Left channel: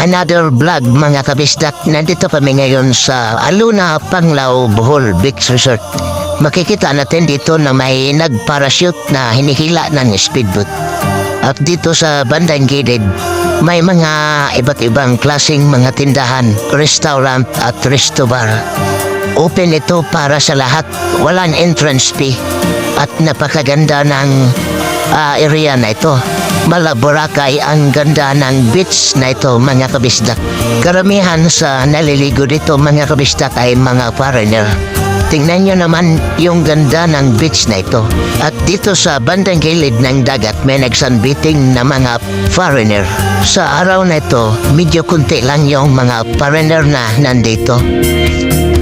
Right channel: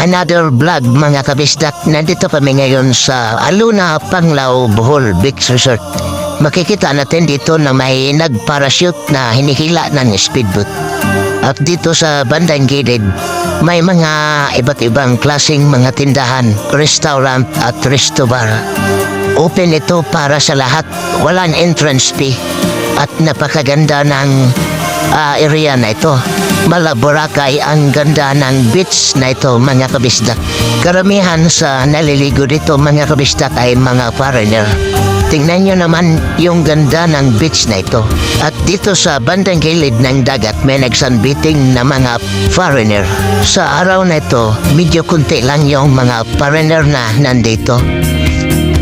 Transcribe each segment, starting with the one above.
another vlog mga kabisdak. Nandito kami ngayon sa Aluna, Panglao, Bohol Beach Resort. Makikita natin dito na may nag-parachute na hinihila ng speedboat. At dito sa bandang gilid, may mga iba't ibang klaseng mga tindahan, restaurant at resto bar. Open ito para sa lahat, walang entrance fee. At napakaganda ng area na ito. Boracay ang ganda ng beach na ito mga kabisdak. Karamihan sa naliligo dito mga kabisdak ay mga foreigner. Tingnan nyo naman yung ganda ng beach na ito. At dito sa bandang gilid ng dagat may nagsunbathing na mga foreigner. Sa araw na ito, medyo kunti lang yung mga foreigner na nandito.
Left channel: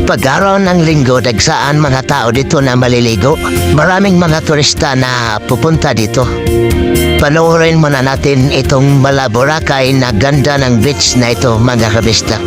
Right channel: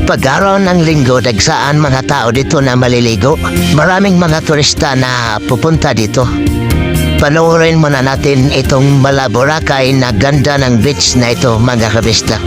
Pag-araw ng linggo, dagsaan mga tao dito na maliligo. Maraming mga turista na pupunta dito. Panoorin muna natin itong Boracay na ganda ng beach na ito mga kabisdak.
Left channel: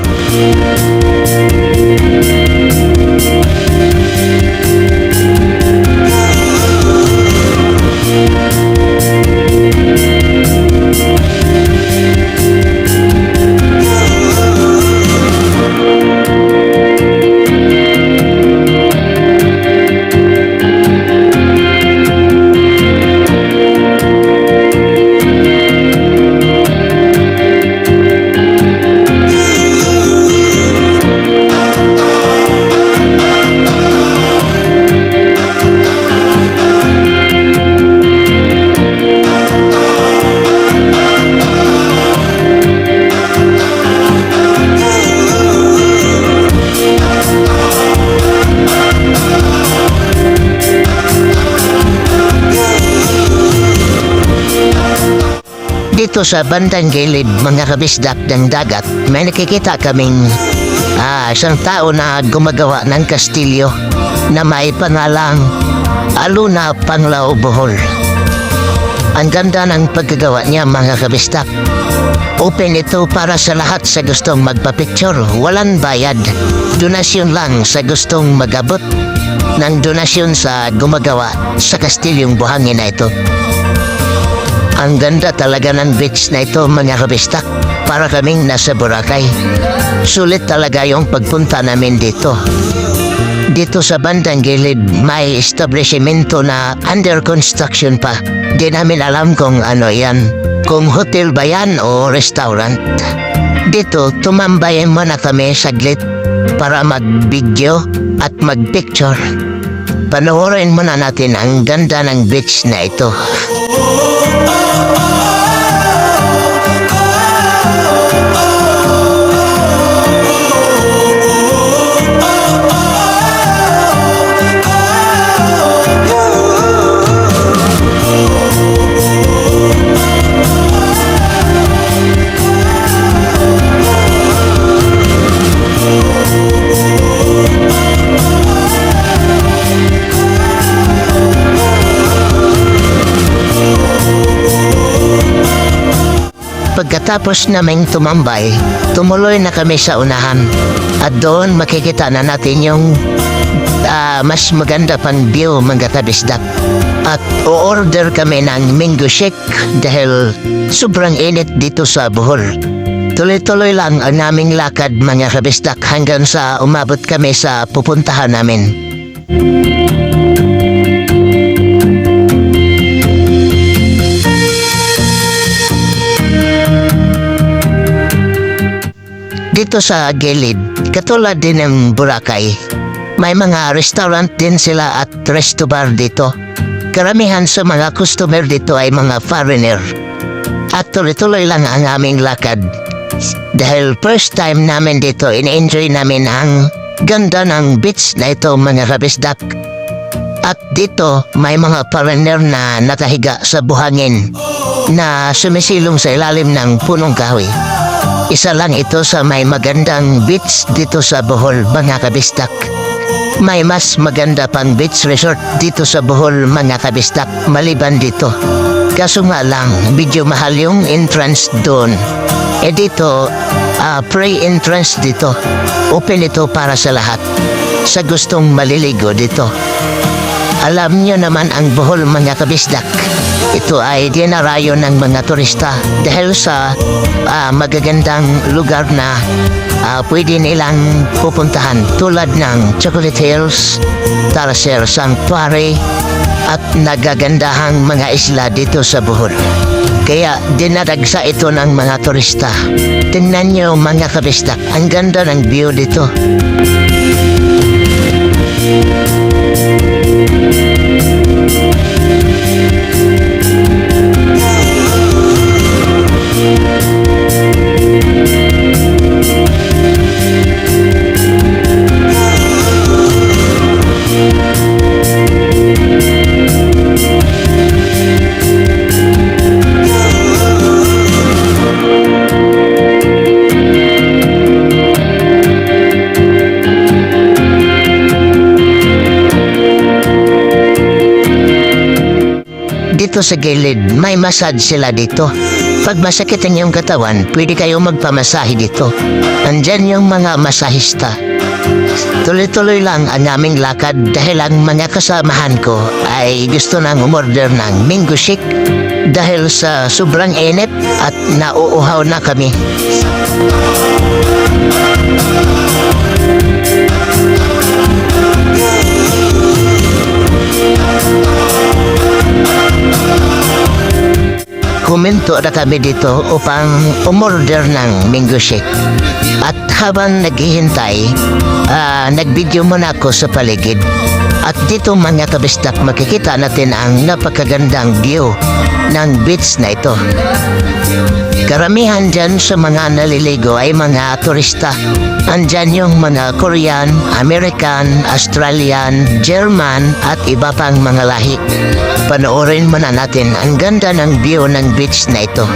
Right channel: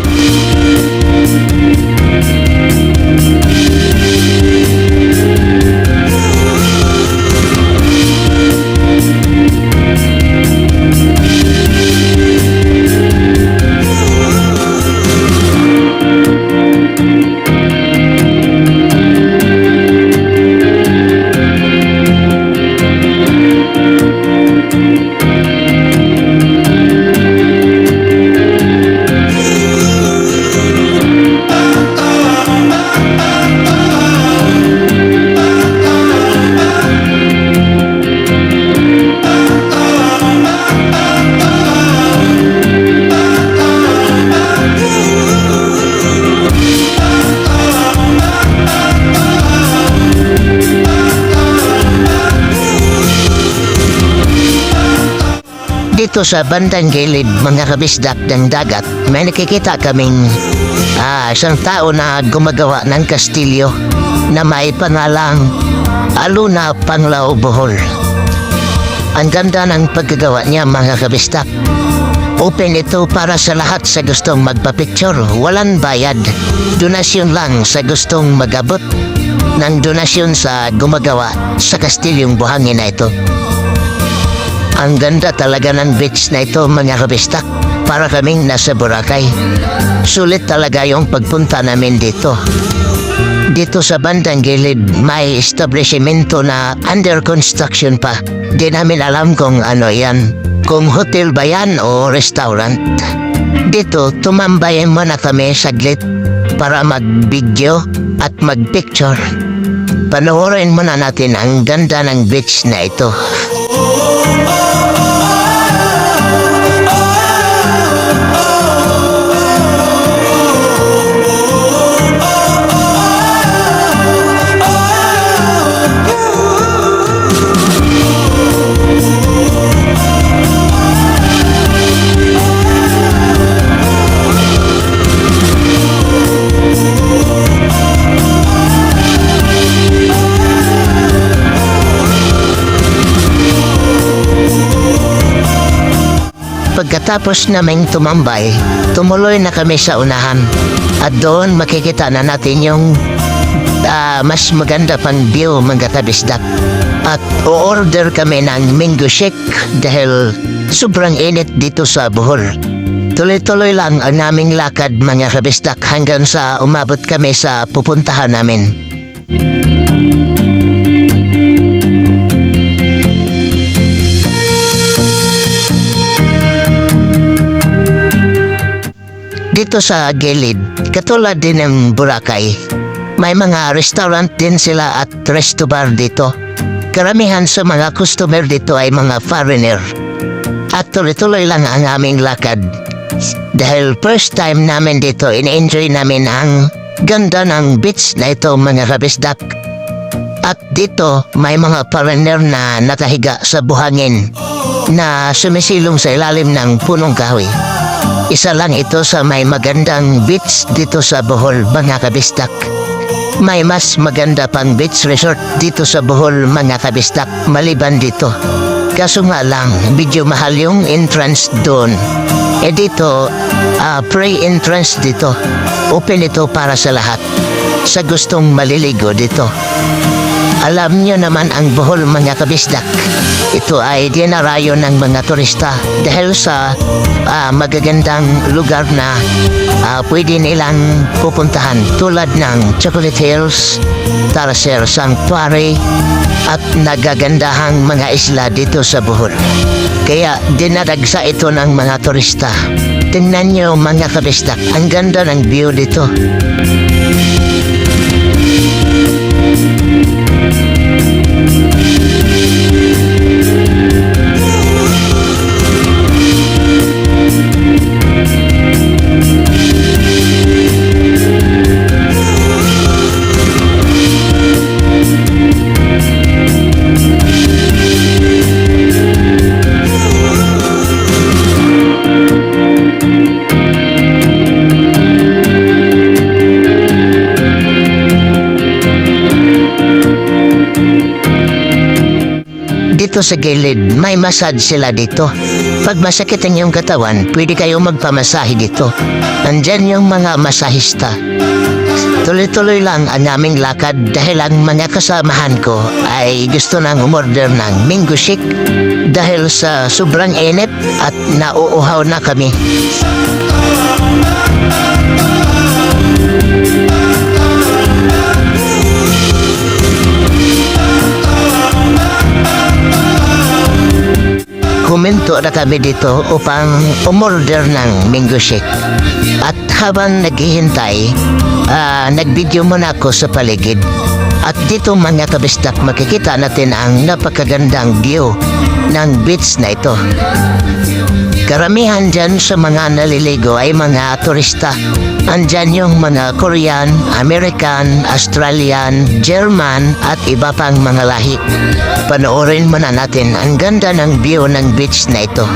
Dito sa bandang gilid mga kabisdak ng dagat, may nakikita kaming isang tao na gumagawa ng kastilyo na may pangalang Aluna, Panglao, Bohol. Ang ganda ng paggagawa niya mga kabisdak. Open ito para sa lahat sa gustong magpa-picture, walang bayad. Donasyon lang sa gustong mag-abot ng donasyon sa gumagawa sa kastilyong buhangin na ito. Ang ganda talaga ng beach na ito mga kabistak. Para kaming nasa Boracay. Sulit talaga yung pagpunta namin dito. Dito sa bandang gilid may establishmento na under construction pa. Di namin alam kung ano yan. Kung hotel ba yan o restaurant. Dito tumambay muna kami saglit para mag-video at mag-picture. Panoorin muna natin ang ganda ng beach na ito. Pagkatapos naming tumambay, tumuloy na kami sa unahan. At doon makikita na natin yung mas maganda pang view mga kabisdak. At o-order kami ng mango shake dahil sobrang init dito sa Bohol. Tuloy-tuloy lang ang naming lakad mga kabisdak hanggang sa umabot kami sa pupuntahan namin. Dito sa gilid, katulad din ng Boracay, may mga restaurant din sila at resto bar dito. Karamihan sa mga customer dito ay mga foreigner. At tuloy-tuloy lang ang aming lakad. Dahil first time namin dito, in-enjoy namin ang ganda ng beach na ito mga kabisdak. At dito may mga foreigner na nakahiga sa buhangin na sumisilong sa ilalim ng punong kahoy. Isa lang ito sa may magandang beach dito sa Bohol mga kabisdak. May mas maganda pang beach resort dito sa Bohol mga kabisdak maliban dito. Kaso nga lang, medyo mahal yung entrance doon. Dito, free entrance dito. Open ito para sa lahat. Sa gustong maliligo dito. Alam nyo naman ang Bohol mga kabisdak. Ito ay dinarayo ng mga turista dahil sa magagandang lugar na pwede nilang pupuntahan tulad ng Chocolate Hills, Tarsier Sanctuary at nagagandahang mga isla dito sa Bohol. Kaya dinadagsa ito ng mga turista. Tingnan nyo mga kabisdak, ang ganda ng view dito. Dito sa gilid, may massage sila dito. Pag masakit ang iyong katawan, pwede kayo magpamasahe dito. Nandyan yung mga masahista. Tuloy-tuloy lang ang aming lakad dahil ang mga kasamahan ko ay gusto nang umorder ng mango shake dahil sa sobrang init at nauuhaw na kami. Huminto na kami dito upang umorder ng mango shake. At habang naghihintay, nagvideo muna ako sa paligid. At dito mga kabisdak, makikita natin ang napakagandang view ng beach na ito. Karamihan dyan sa mga naliligo ay mga turista. Andyan yung mga Korean, American, Australian, German at iba pang mga lahi. Panoorin muna natin ang ganda ng view ng beach na ito.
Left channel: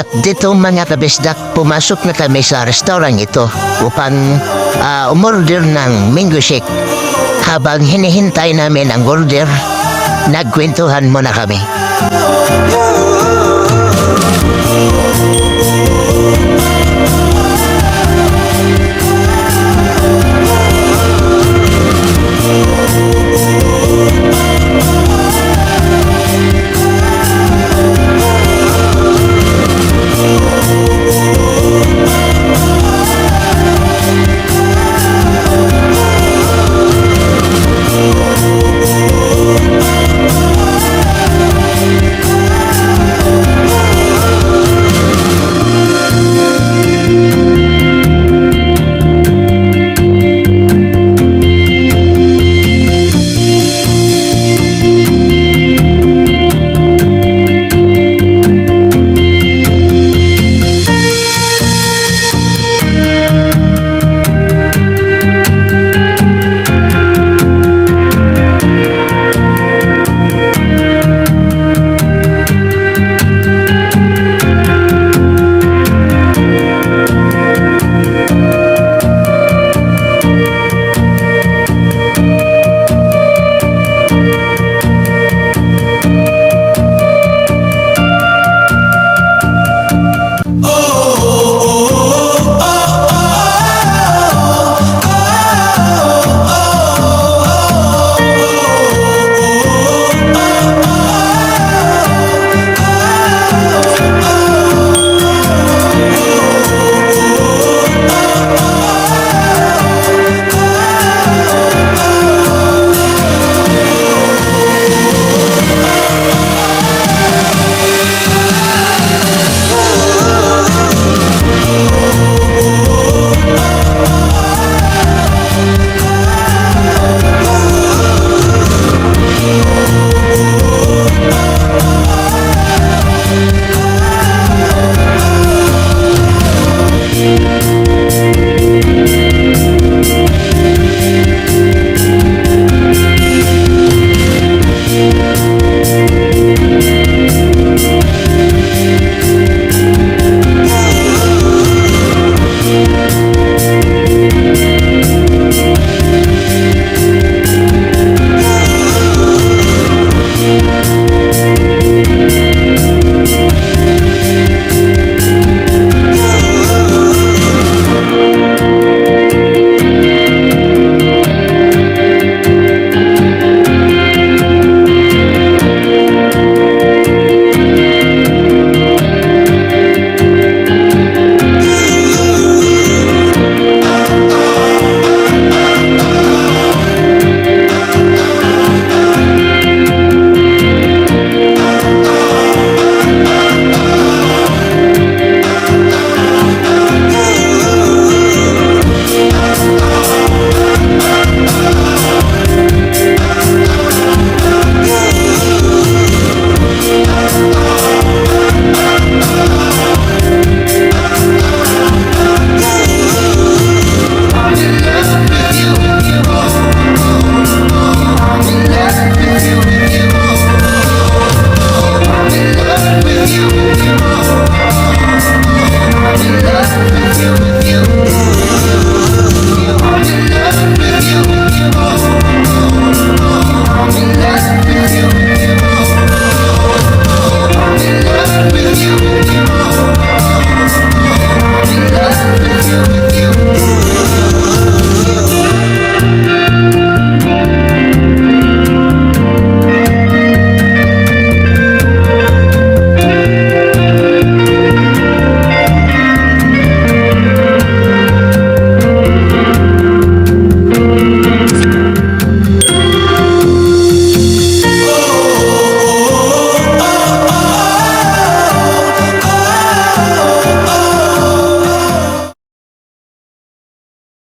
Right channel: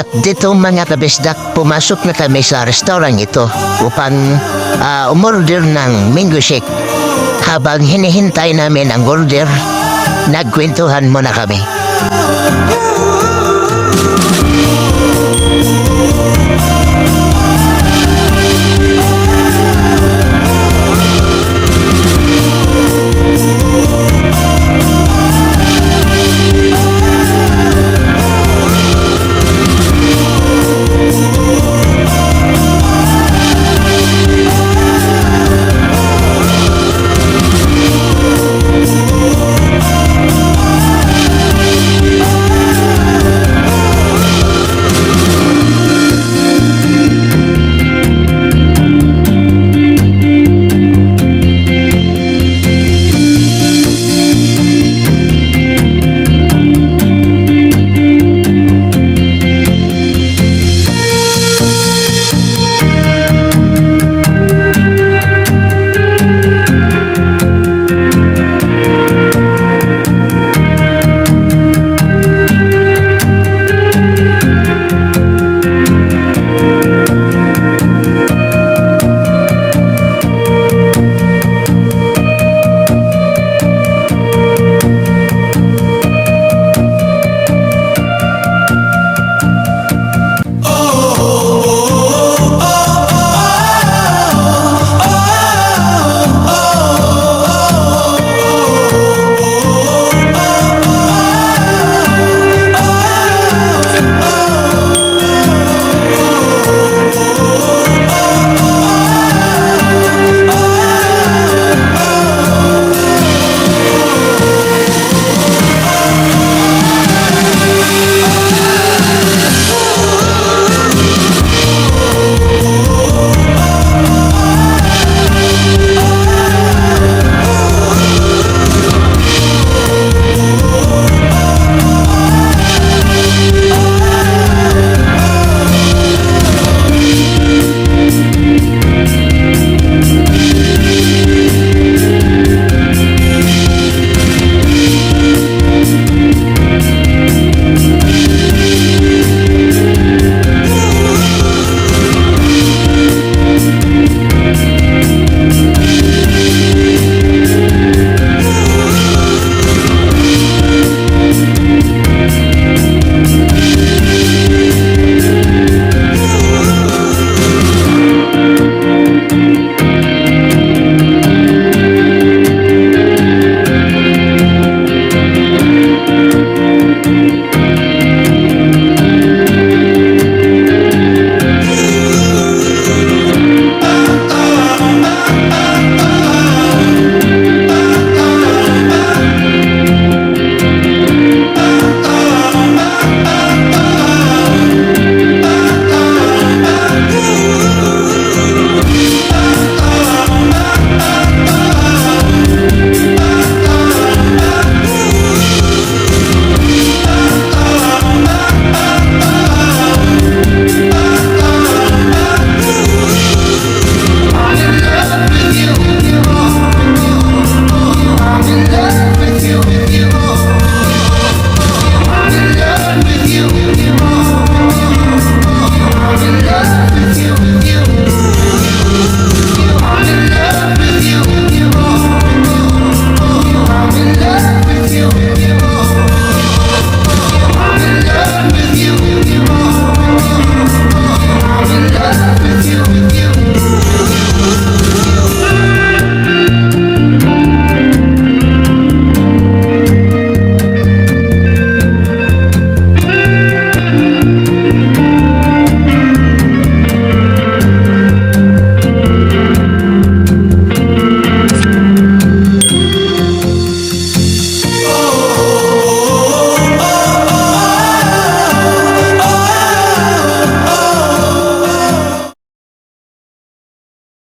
At dito mga kabisdak, pumasok na kami sa restaurant ito upang umorder ng mango shake. Habang hinihintay namin ang order, nagkwentuhan muna kami.